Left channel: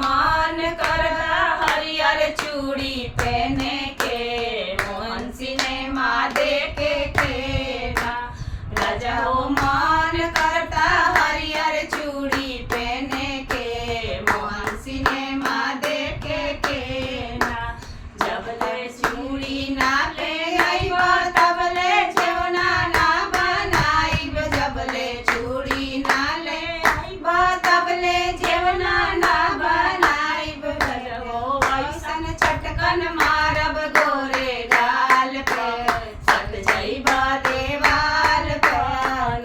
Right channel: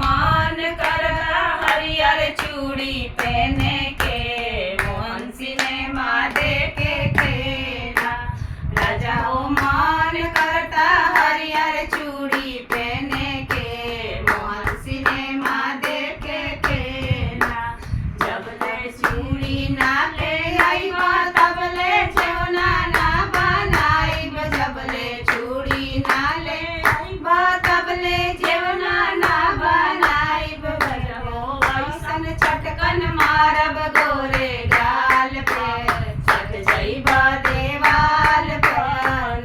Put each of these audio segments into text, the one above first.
मान करता हरियर चूड़ी पहने के मोहन सिनेमा देखे के ना। राजा हो मान करता हरियर चूड़ी पहने के मोहन सिनेमा देखे के ना। जब ले चूड़ी ना ले आइबा तब ले जेवना ना बनाइब। जब ले चूड़ी ना ले आइबा तब ले जेवना ना बनाइब। हो ऐसन चटकन मारब गोरे गाल पे सट जइबा देवाल पे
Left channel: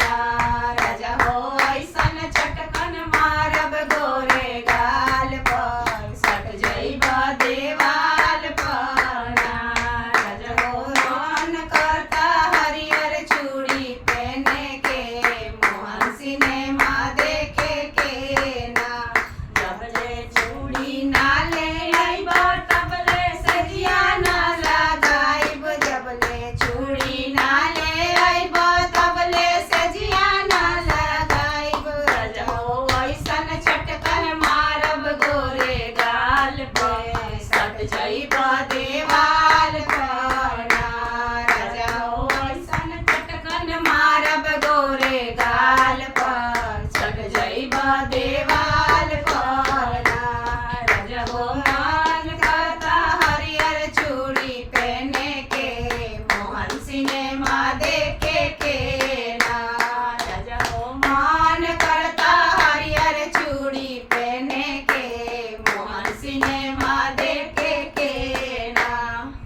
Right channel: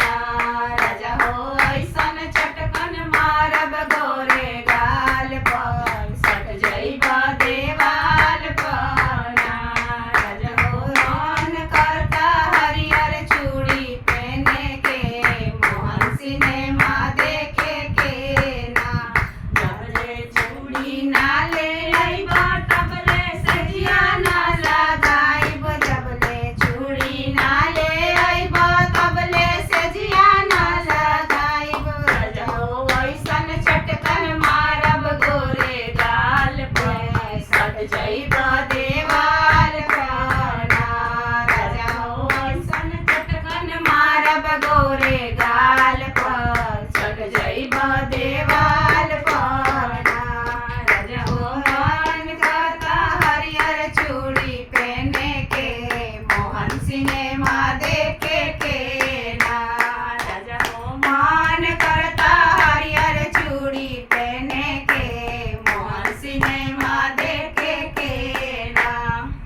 ना। राजा हो ऐसन चटकन मारब गोरे गाल पर सट जइबा देवाल पर ना। राजा हो मान करता हरियर चूड़ी पहने के मोहन सिनेमा देखे के ना। जब ले चूड़ी ना ले आइबा तब ले सजिया ना लगाइब। जब ले चूड़ी ना ले आइबा तब ले सजिया ना लगाइब। राजा हो ऐसन चटकन मारब गोरे गाल पे सट जइबा देवाल पर ना। राजा हो ऐसन चटकन मारब गोरे गाल पर सट जइबा देवाल पर ना। राजा हो मान करता हरियर चूड़ी पहने के मोहन सिनेमा देखे